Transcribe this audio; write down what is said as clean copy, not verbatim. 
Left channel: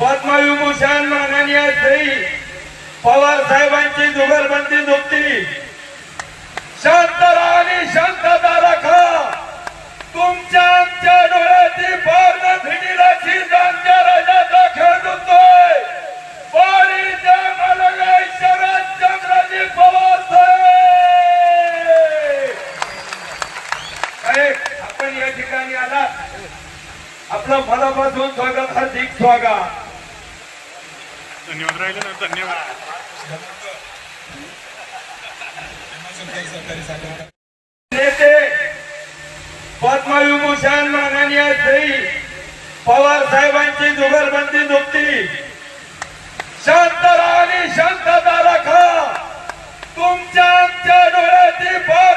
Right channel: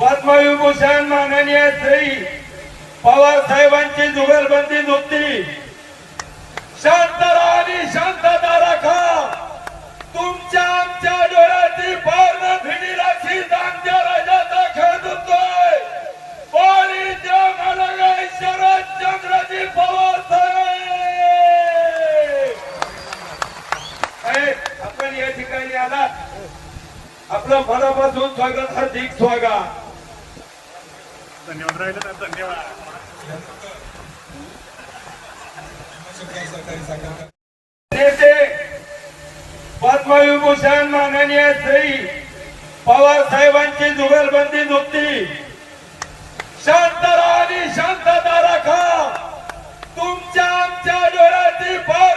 पद्मविभूषण माननीय श्री पवार साहेबांची जुगलबंदी नुकती शांत राहा आणि शांतता राखा. तुमच्या आमच्या डोळ्याची पार न भिडीलाची आमच्या राजाचा खेळ होतोय. वारीच्या मालगा शरद चंद्रजी पवार साहेब, आपण या ठिकाणी आलात, आपलं मनापासून स्वागत, हार्दिक स्वागत. धन्यवाद. धन्यवाद. नेते पद्मविभूषण माननीय श्री पवार साहेबांची जुगलबंदी नुकती शांत राहा आणि शांतता राखा. तुमच्या आमच्या डोळ्याची पार